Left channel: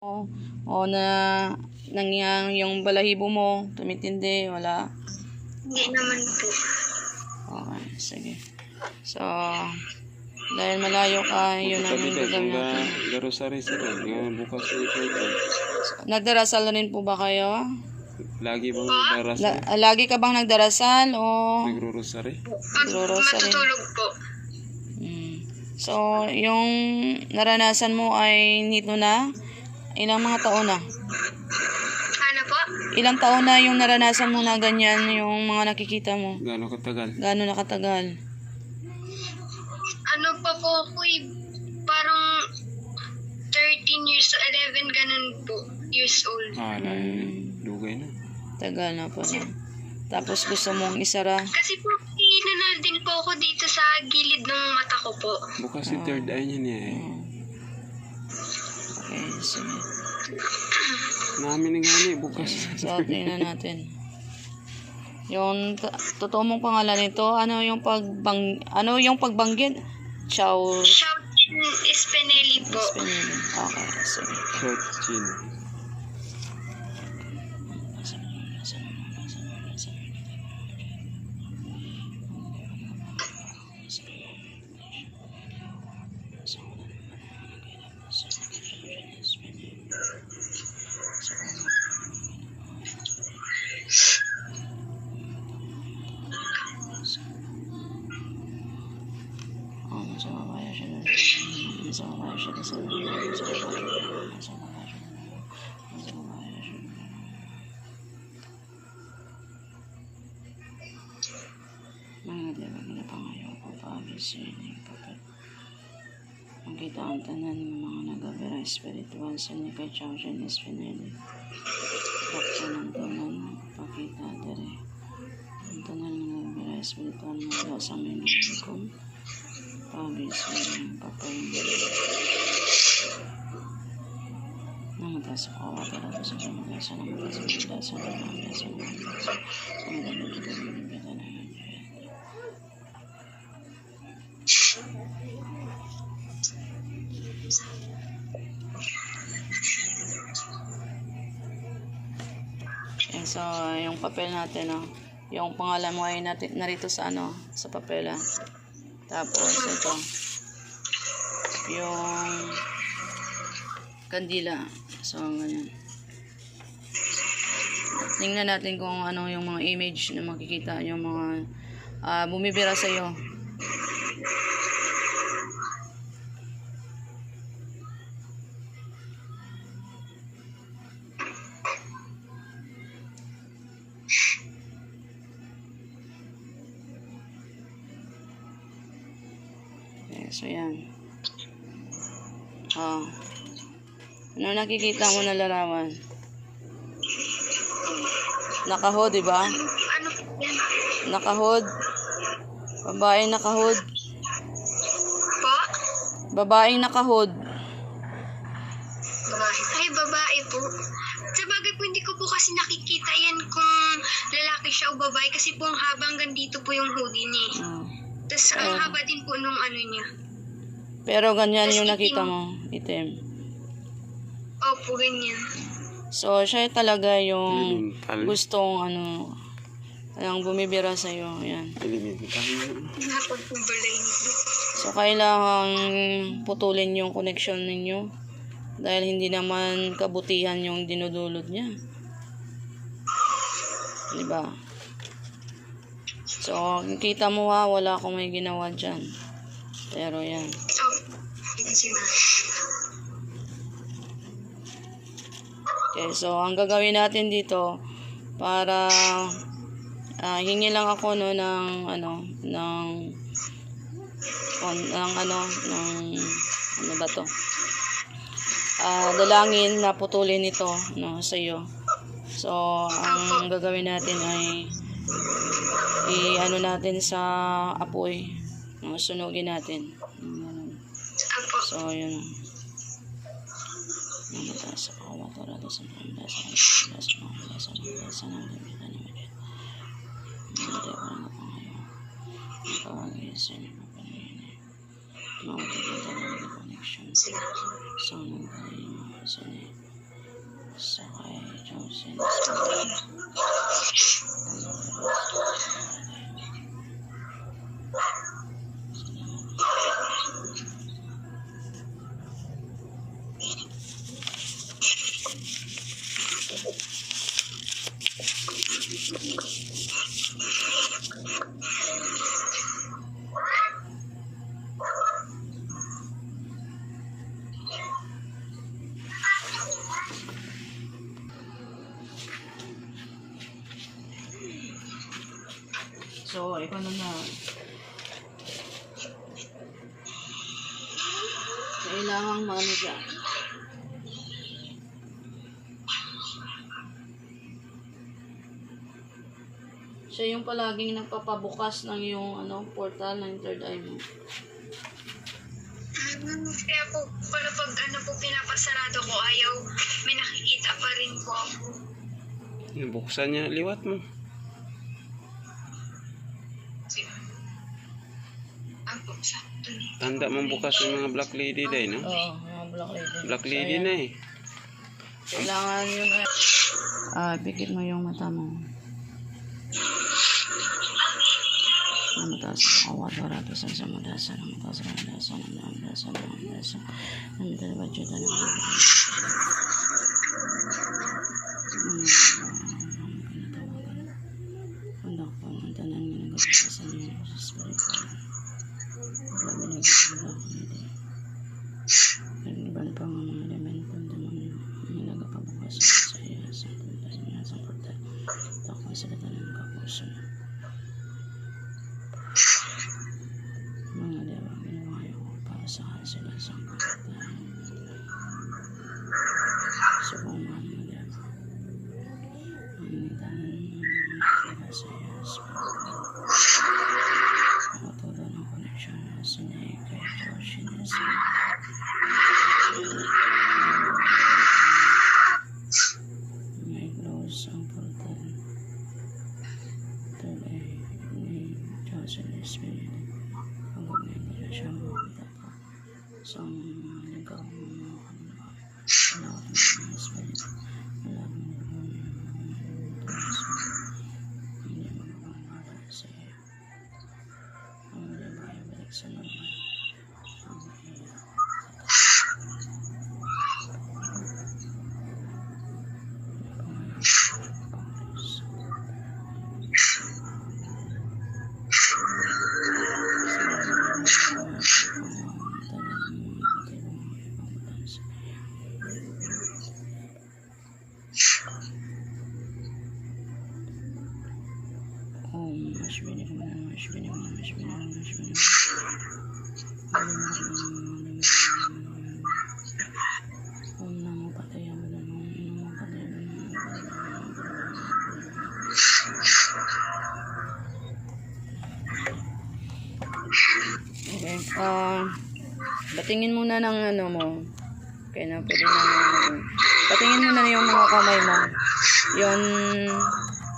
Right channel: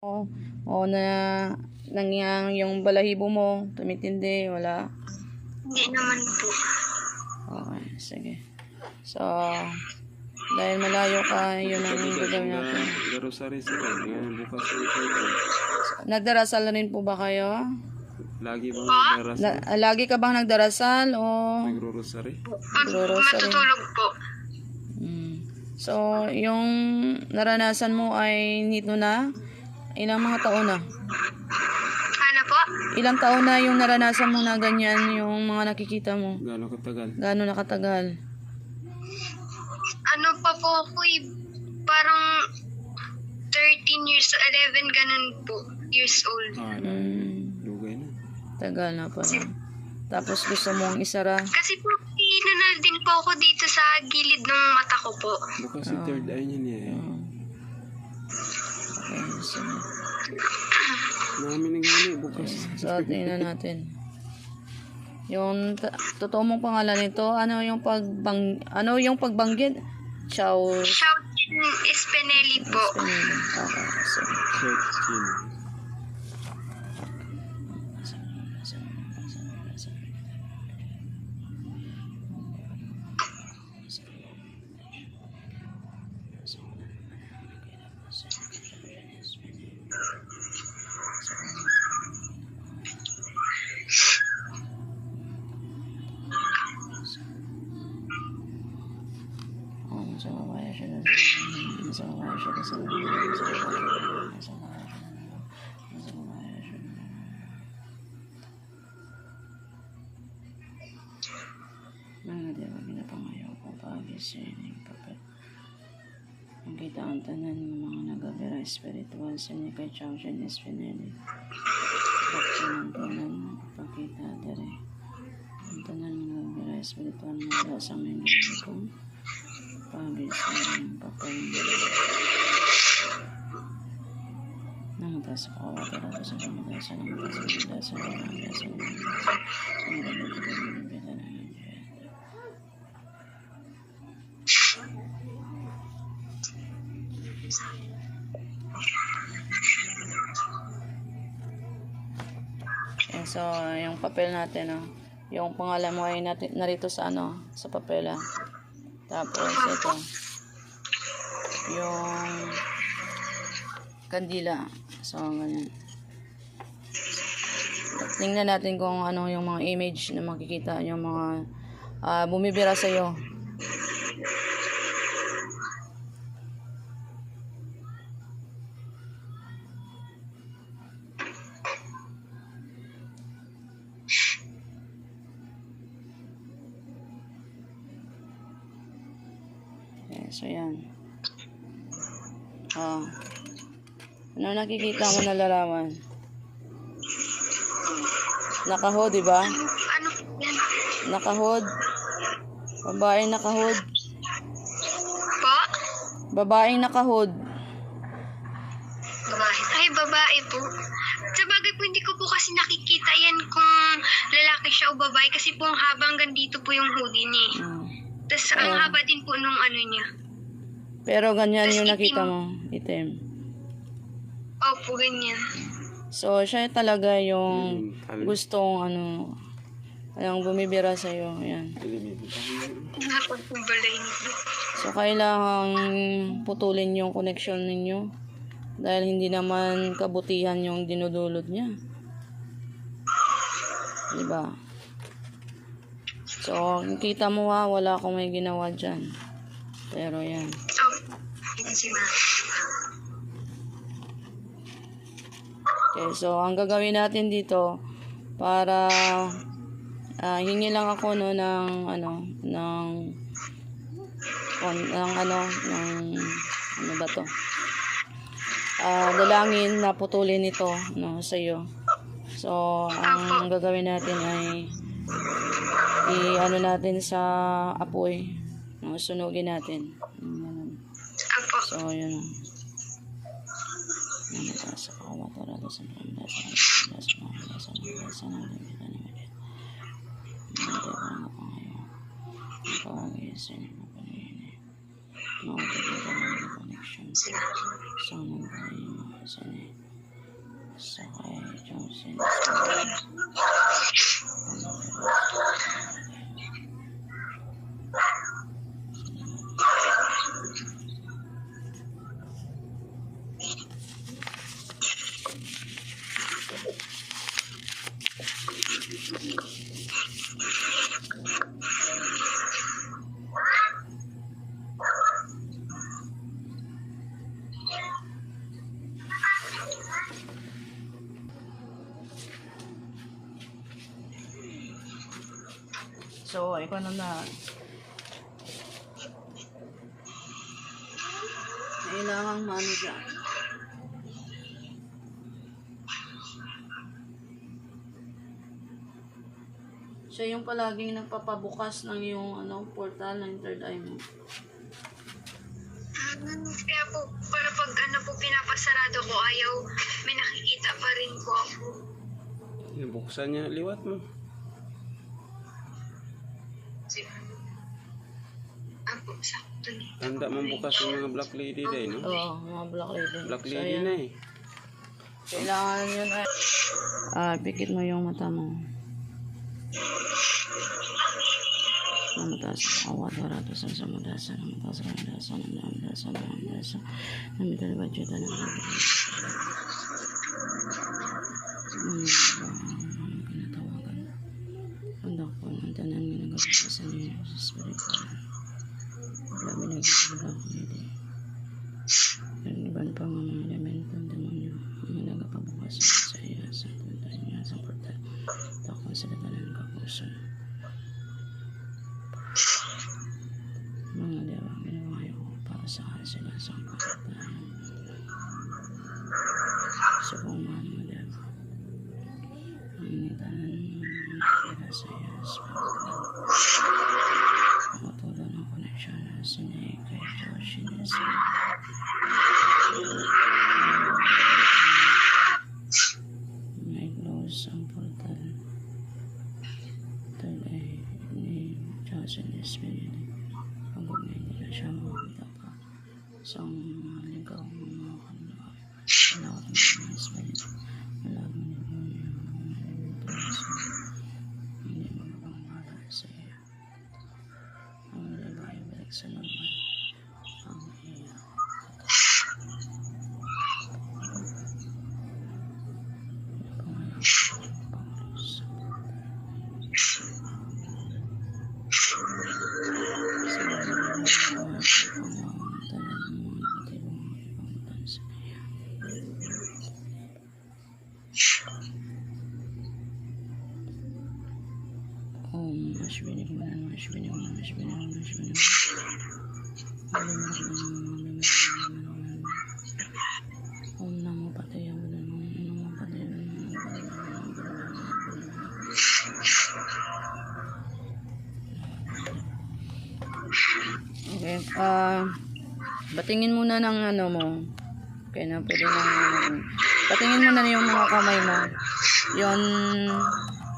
O na nangyang yung balahibo mo, tumitindi, wala. Hindi naman po. Okay, sige. So, dahil malayo ka, yun ang gagawin natin. Rosary sa rin. Ngayon bukas ito. Nagdarasal rin po ba kayo? Lagi bang nagdarasal? Lagi ka bang nagdarasal o? Nagro-rosary? Pag Rosary. matutulog po. So, yung naranasan mo ay nito na? Ilang mga taon na? Ano po? Ilang taon na yung naranasan mo na ganyan yung mga nakikita mo? Gaano katagal? Gaano na katagal? Ano pa po ako parang 13 years, 11 ganun po, years old. Dugay na. Tagal na pa. Tapos gusto mong isara? Kasi po, inanal din po ako dito sa gilid ng mata ko po. Bukas si third eye niya niya eh. Okay, sige. Namin nga ni bukas. So, tingnan natin. Yung totoo mong pangalan nito, ano yung pagbanggit? Chow Shout Espinelli po. Espinel. Okay, sige. Short chin. Mga diba ginapangayaw ko pag-isinig pagkat ang kita ang tanan ng mga nagabira espiritual sa niya kay Chow Jen Espinelli. Bakit ang tanan pakita dere. Ang tanan ng nagabira espiritual na sa mga kong pag-isinig papayag. Namatay sa kawa talaga sa namatay sa namatay sa namatay sa so, yung papel natin, no? Yung pangalan mo ay narito sa sa papel. Tapos, ito. Yung kandila. So, ganyan. Tingnan natin kung ano yung mga image na makikita, yung mga bumibira sa iyo. Okay, so yan. Ano nakikita mo na larawan? Nakahod, di ba? Ano po yan? Nakahod. Babaeng nakahod. Po? Babaeng nakahod. Babae. Ay, babae po. Sa bagay po, hindi ko po kasi nakikita yan kung lalaki siya o babae kasi po ang haba hanggang dito po yung hoodie niya. Tapos ang haba din po nung ano niya. Pero ganyan Tas yung itim. nakita mo, itim. Opo, ganyan. So, siya talaga yung Elemental. gustong yung bumibira sa'yo. Ayan. Elemental. Napagpumbalay nito. So, kailangang putulin yung connection ninyo. Dahil hindi naman kabutihan yung dinudulot niya. Diba? So, kita mo wala akong may ginawa dyan. Pero yan. Opo. Hindi si Ma. Okay, so ang gagawin natin dito para hingi lang ako ng ano ba to? Dalangin na putulin ito sa iyo. So ang gagawin natin ay natin sa apoy. Sunugin natin. Opo. So yun. Sila. So, Sa kay Chongsin Espinal. So, ikaw na. Kailangang maano dyan. Siya yung palaging nagpapabukas ng yung portal ng third eye mo. Kaya po, para pag pinapasarado ko, ayaw, may nakikita pa rin po ako. Buksan niya, liwat mo. Ako, sakto na. Tanda mong bukas yung mga black lady day, no? Oo, mga black lady. Black So, lady yan. na eh. Kailangan yun ay... pikit mo yung mata mo. Namatasan ako, waratasan sa madasan, namatasan, namatasan, namatasan, namatasan, namatasan, namatasan, Anak po, ang tanan mo nagkakasan niyo sa spiritual. Grabe na ganda. Naglaban pa ang mga elemento ng demonyo. Mga nagapabukas sa iya, sa punta, sa punta. Takong sa latanan ng kapuso. Mga dewa, ginawayo ko para sa sila sa kapatid. Sa pumang mga dewa. Ang tanan ng sa iya, sa nakatulo ng koneksyon sa niya kay Joshi na sa may close ang portal. Third eye ni Joshi na Espinal. Pagod na yung koneksyon mo kita po sa mga ligaw mo mga kanila. Malawag na mga Espinal. Malawag na hindi magpapangalaga sa iyo. Ang liba ay balik sa mga ang iya. Okay, batingin muna ng mo. Okay na, pwede na. Patingin muna yung mga kamay mo. Yung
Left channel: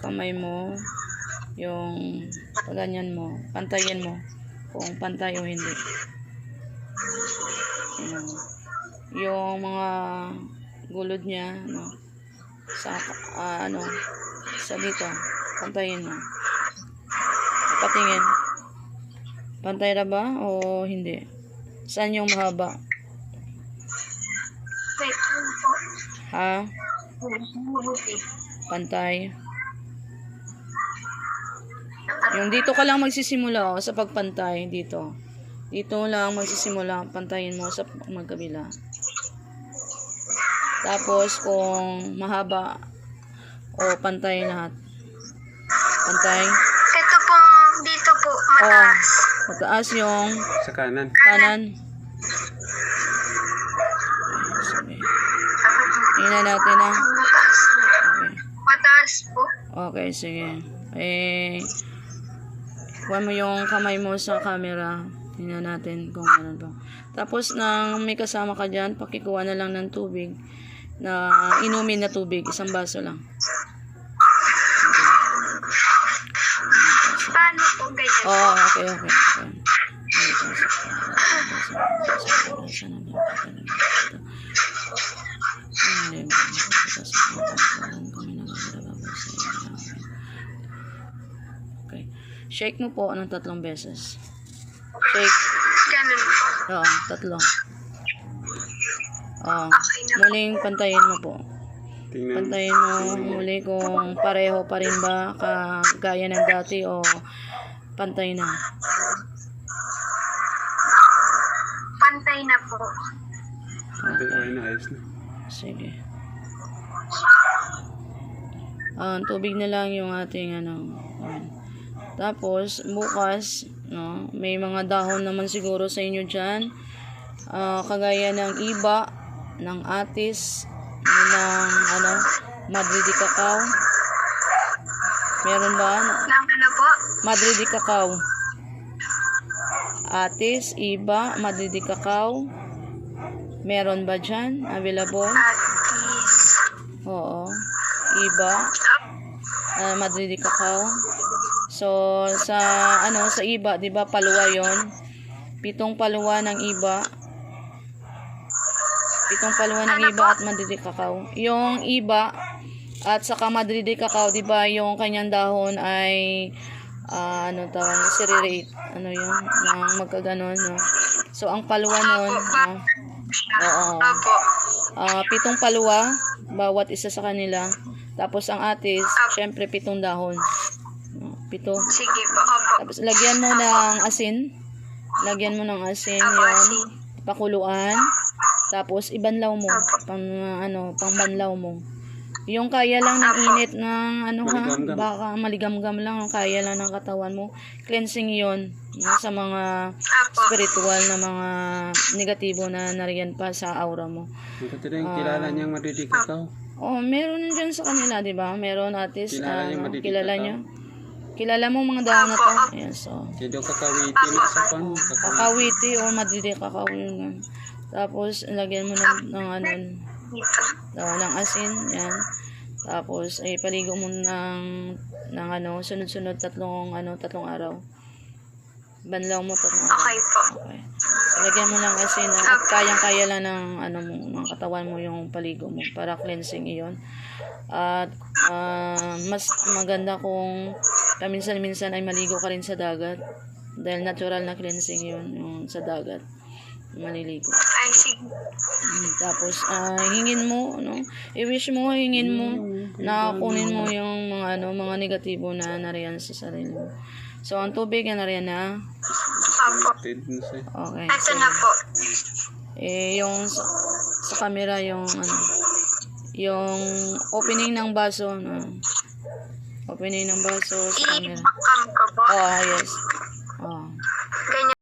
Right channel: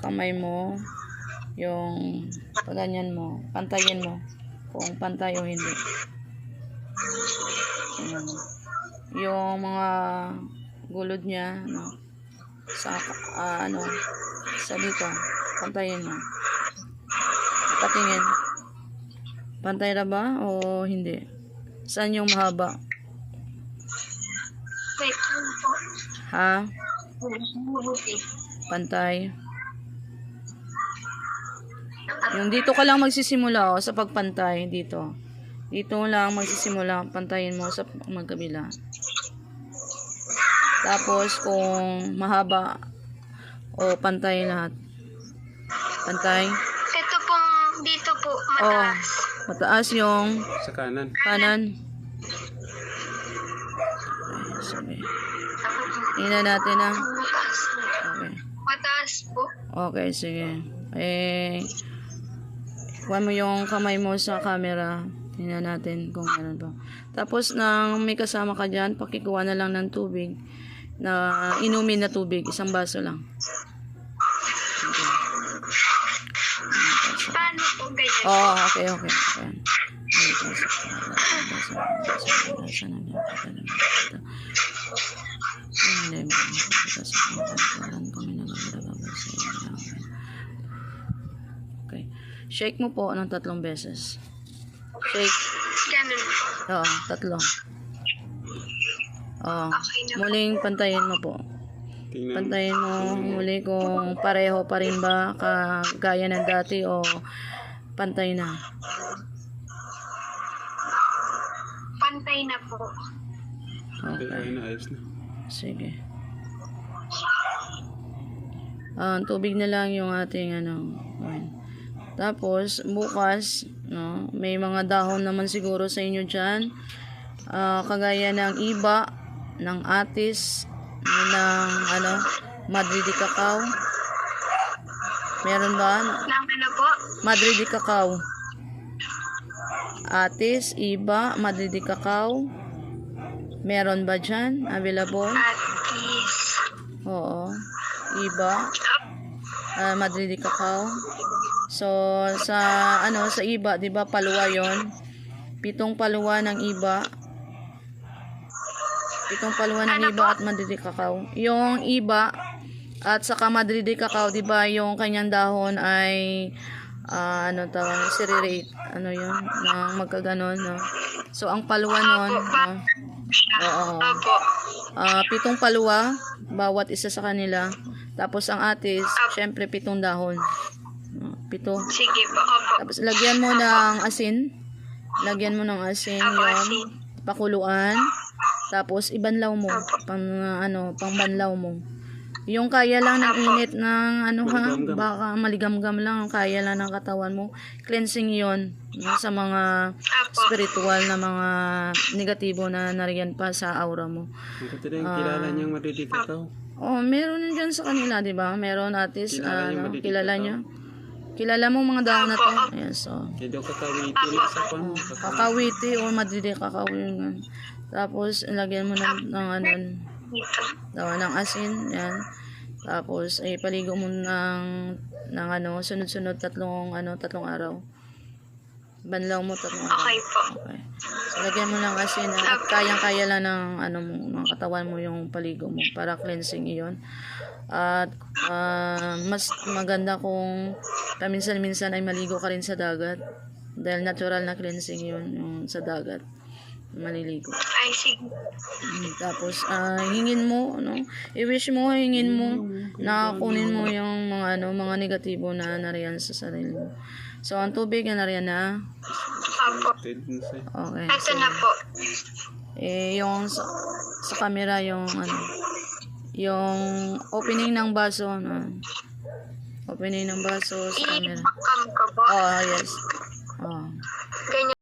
kamay mo, yung paganyan mo, pantayin mo. Kung pantay o hindi. Yung mga gulod niya, sa sa dito, pantayin mo. Patingin. Pantay na ba o hindi? Saan yung mahaba? Wait, ano po? Ha? Pantay. Yung dito ka lang magsisimula sa pagpantay dito. Dito lang magsisimula, pantayin mo sa magkabila. Tapos kung mahaba o pantay lahat. Pantay. Ito pong dito po, mataas. Mataas yung Sa kanan. kanan. Sige. Ina natin na. Mataas. Okay. Mataas po. Okay, sige. Kuha mo yung kamay mo sa camera. Tingnan natin kung ano ba. Tapos nang may kasama ka dyan, pakikuha na lang ng tubig. Na inumin na tubig. Isang baso lang. Paano po ganyan? Oh, okay. Okay. Shake mo po ng 3 beses. Shake. Ganun po. Oo, 3. Oo. Okay na po. Muling pantayin mo po. Tingnan. Pantayin mo muli kung pareho pa rin ba kagaya ng dati o pantay na. Pantay na po. Okay, ayos na, ayos na. Sige. Tubig na lang yung ating ano. Ayan. Tapos, bukas, no, may mga dahon naman siguro sa inyo dyan. Kagaya ng iba, ng atis, ng ano, Madrid cacao. Meron ba? Nang ano po? Madrid cacao. Atis, iba, Madrid cacao. Meron ba dyan? Available? Atis. Oo. Iba. Madrid cacao. So, sa iba, 'di ba, paluwa 'yon. 7 paluwa ng iba. 7 paluwa ng iba at Madrid cacao. Yung iba at saka Madrid cacao, 'di ba, yung kanyang dahon ay cereate. Ano 'yun? Nang magkaganon, no. So, ang paluwa nun, oo. Opo. 7 paluwa, bawat isa sa kanila. Tapos ang atis, syempre 7 dahon. 7. Sige po. Opo. Tapos lagyan mo ng asin. Lagyan mo ng asin Opo, yun. asin. Pakuluan. Tapos ibanlaw mo. Pangbanlaw mo. Yung kaya lang ng init ng Maligam-gam. baka maligam-gam lang. Yung kaya lang ng katawan mo. Cleansing yon sa mga Opo. spiritual na mga negatibo na nariyan pa sa aura mo. Ang katira yung kilala niyang madidikit ako. Oh, meron dyan sa kanila, 'di ba? Meron atis, Kilala niyo madidikit kilala ako? niyo. Kilala mo mga dahon na to? Yes, so. Kaya daw kakawiti na sa pan. Kakawiti o madidi kakao yun. Tapos, lagyan mo Dito. ng asin, yan. Tapos, paligo mo ng sunod-sunod 3 araw. Banlaw mo 3 araw. Okay po. Okay. So, lagyan mo ng asin at kayang-kaya lang ng katawan mo yung paligo mo para cleansing iyon. At mas maganda kung paminsan-minsan ay maligo ka rin sa dagat dahil natural na cleansing yun yung sa dagat maliligo. Ay, sige. Tapos hingin mo, hingin mo na kunin mo yung mga negatibo na nariyan sa sarili mo. So ang tubig na nariyan na. Opo. Okay. Ito na po. Yung sa camera yung yung opening ng baso, opening ng baso sa camera. I-pakam ko po. Oh, yes.